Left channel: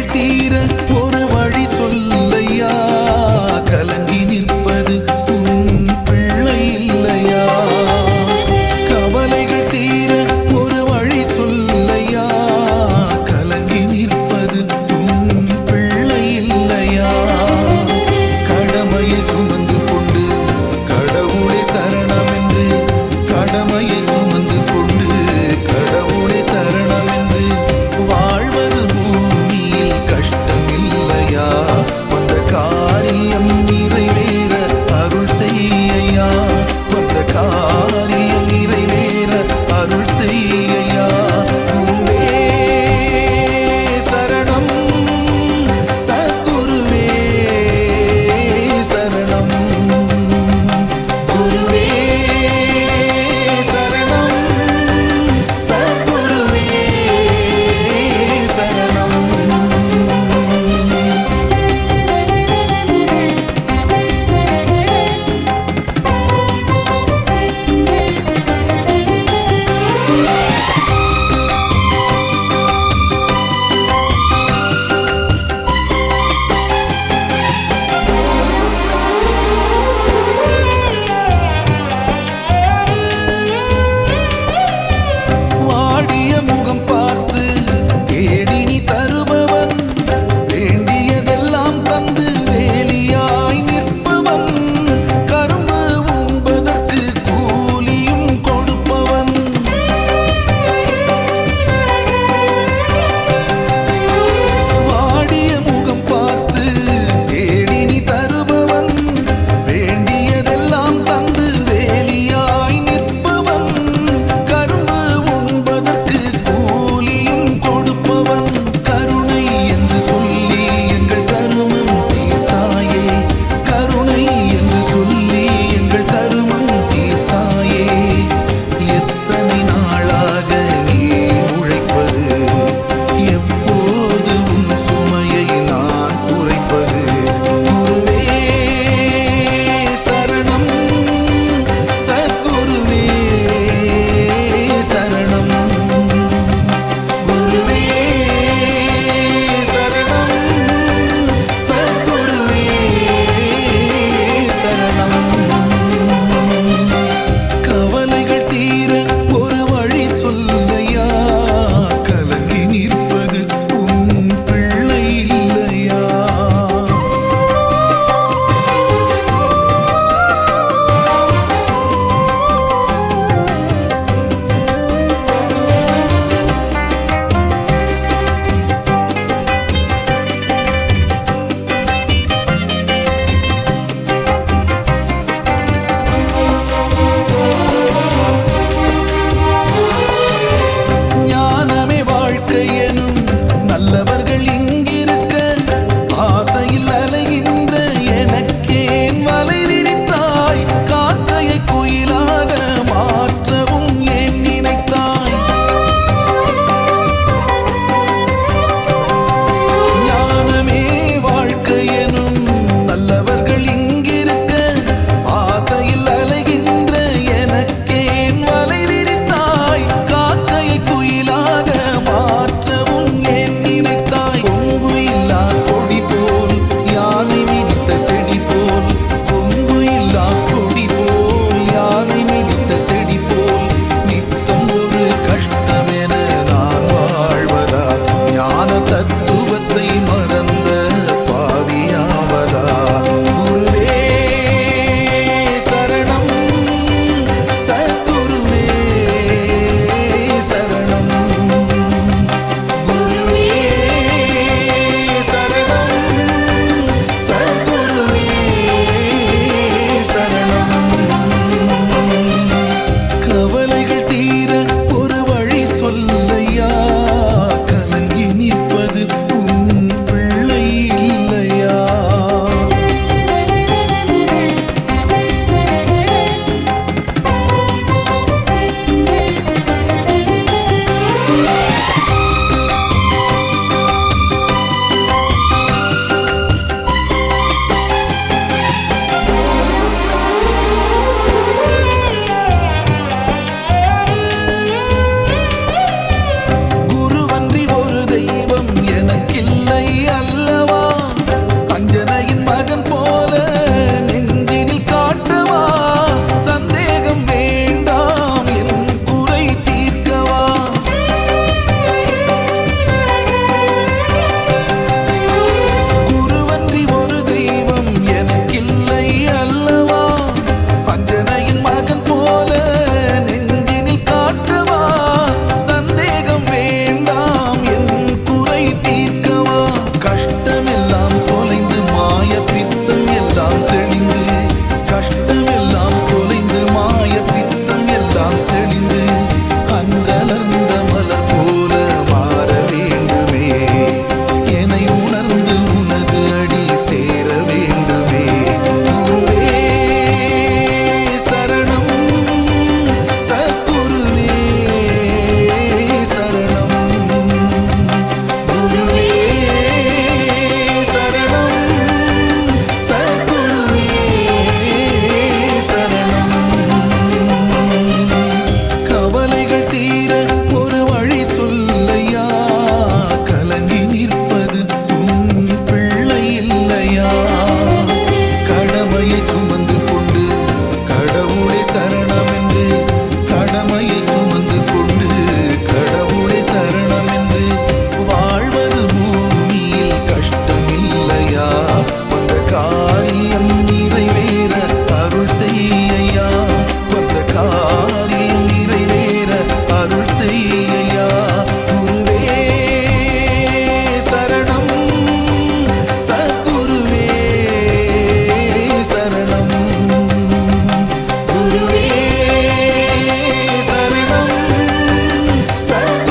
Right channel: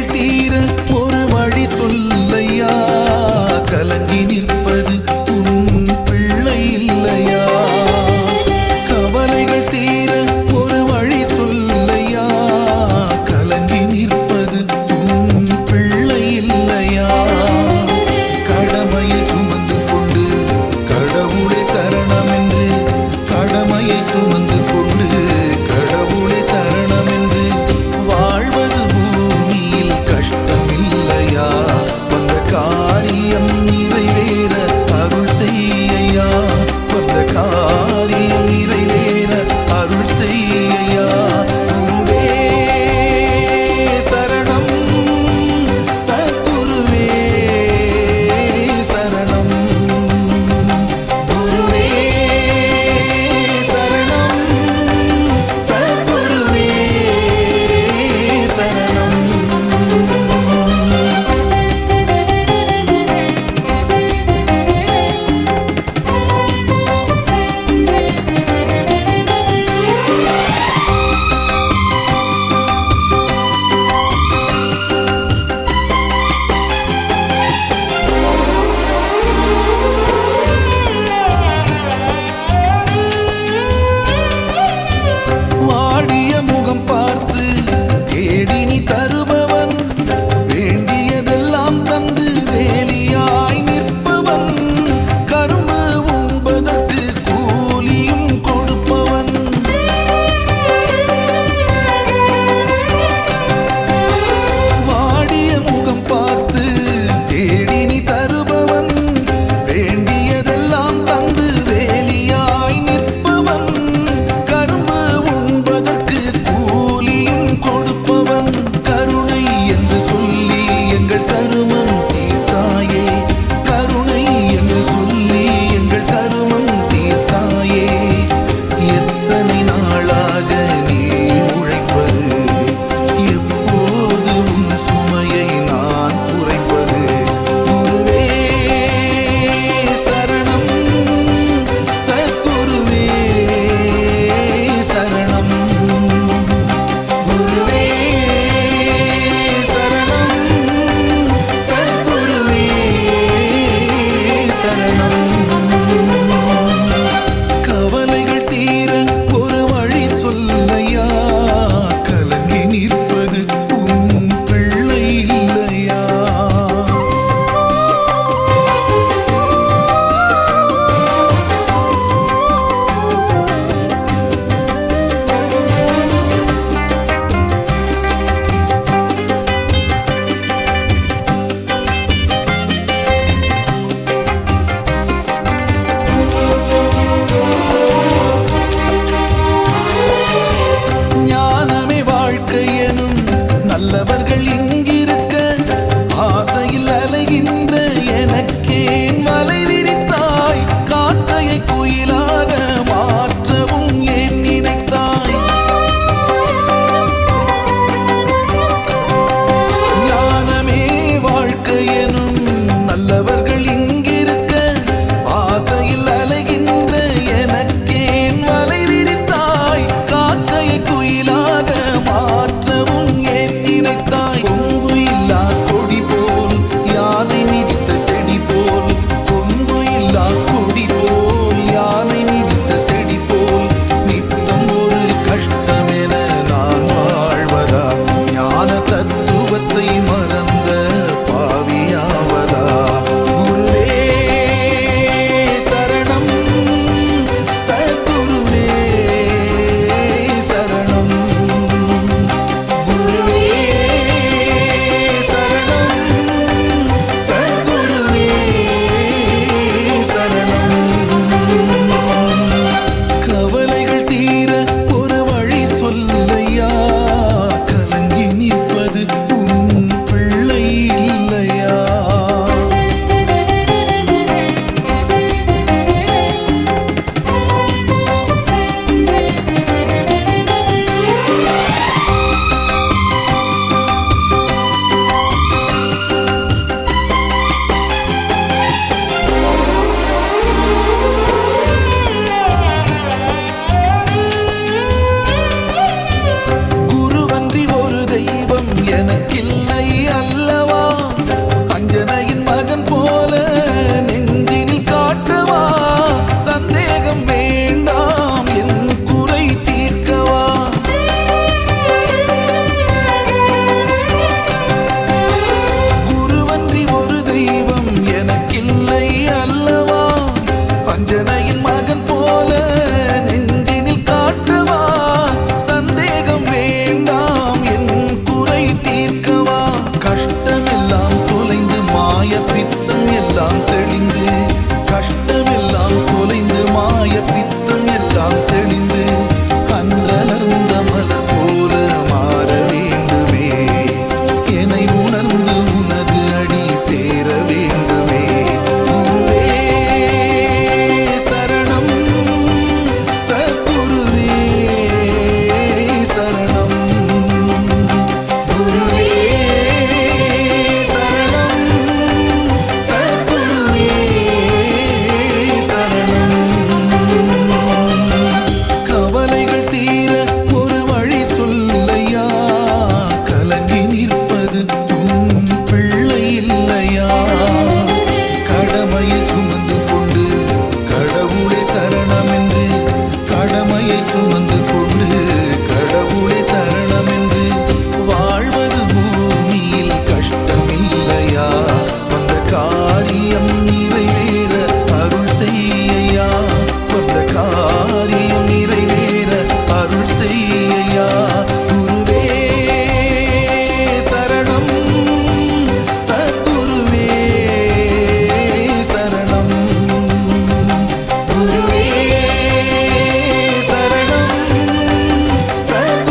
கவலைகள் தீர ஒரு வழி சொல்லையா, கலங்கி நிற்பது உன் பிள்ளை இல்லையா? கவலைகள் தீர ஒரு வழி சொல்லையா, கலங்கி நிற்பது உன் பிள்ளை இல்லையா? கடமையை சுமந்து கொண்டு கடவுளே சரணம் என்று, கடமையை சுமந்து கொண்டு கடவுளே சரணம் என்று வாழ்வது பூமியில் கஷ்டமில்லையா? வந்த காரியம் நிறைவேற அருள் செய்யா, வந்த காரியம் நிறைவேற அருள் செய்யா. குருவே சரணம், சத்குருவே சரணம், குருவே சரணம், சத்குருவே சரணம். வாடிய முகம் பார்த்து தேடி நீ தருபவன், வேண்டியதெல்லாம் தந்து வேலியாய் நிற்பவன், கரும்பு உண்பதற்கு கூலியும் கொடுப்பவன். வாடிய முகம் பார்த்து தேடி நீ தருபவன், வேண்டியதெல்லாம் தந்து வேலியாய் நிற்பவன், கரும்பு உண்பதற்கு கூலியும் கொடுப்பவன். கருணை என்று சொல்லி எங்கள் கருமம் தீர்த்தாயே, கருணை என்று சொல்லி எங்கள் கருமம் தீர்த்தாயே. எத்தனை நாளாக நீ உழைப்பது, எப்போது உன் சுமையை நான் குறைப்பது? குருவே சரணம், சத்குருவே சரணம், குருவே சரணம், சத்குருவே சரணம். கவலைகள் தீர ஒரு வழி சொல்லையா, கலங்கி நிற்பது உன் பிள்ளை இல்லையா? ஞானமே வாழ்க்கை எனும் நல்லவர்கள் இங்கிருக்க, ஆசையில் அலைகின்ற எனக்கேன் வலை விரித்தாய்? காக்கையை குயிலாக மாற்றவும் ஏன் நினைத்தாய்? ஞானமே வாழ்க்கை எனும் நல்லவர்கள் இங்கிருக்க, ஆசையில் அலைகின்ற எனக்கேன் வலை விரித்தாய்? காக்கையை குயிலாக மாற்றவும் ஏன் நினைத்தாய்? கொம்பு இல்லா கொடி போல், யானை மிதித்த செடி போல், கொம்பு இல்லா கொடி போல், யானை மிதித்த செடி போல், நித்தம் ஒரு கஷ்டமென நான் வாழ்வதா? ஞான தத்துவத்தை மறந்த பாவியாவதா? குருவே சரணம், சத்குருவே சரணம், குருவே சரணம், சத்குருவே சரணம். கவலைகள் தீர ஒரு வழி சொல்லையா, கலங்கி நிற்பது உன் பிள்ளை இல்லையா? அன்றி ஒரு தெய்வம் தெய்வம் எனக்கில்லை அல்லவா, அஞ்சனையின் மகன் போல நெஞ்சினில் காட்டவா, சந்தேகம் வேண்டாம் என் குறை தீர்க்கவா. குருவன்றி ஒரு தெய்வம் எனக்கில்லை அல்லவா, அஞ்சனையின் மகன் போல நெஞ்சினில் காட்டவா, சந்தேகம் வேண்டாம் என் குறை தீர்க்கவா. கஷ்டமெல்லாம் தொலைந்து மாய பித்தம் எல்லாம் தெளிந்து, கஷ்டமெல்லாம் தொலைந்து மாய பித்தம் எல்லாம் தெளிந்து, அன்றலர்ந்த மலர் போல மாற வேண்டுமே, என்னை உணர்ந்து உனது அடி சேர வேண்டுமே. குருவே சரணம், சத்குருவே சரணம், குருவே சரணம், சத்குருவே சரணம். கவலைகள் தீர ஒரு வழி சொல்லையா, கலங்கி நிற்பது உன் பிள்ளை இல்லையா. கடமையை சுமந்து கொண்டு கடவுளே சரணம் என்று, கடமையை சுமந்து கொண்டு கடவுளே சரணம் என்று வாழ்வது பூமியில் கஷ்டமில்லையா. வந்த காரியம் நிறைவேற அருள் செய்யா, வந்த காரியம் நிறைவேற அருள் செய்யா. குருவே சரணம், சத்குருவே சரணம், குருவே சரணம், சத்குருவே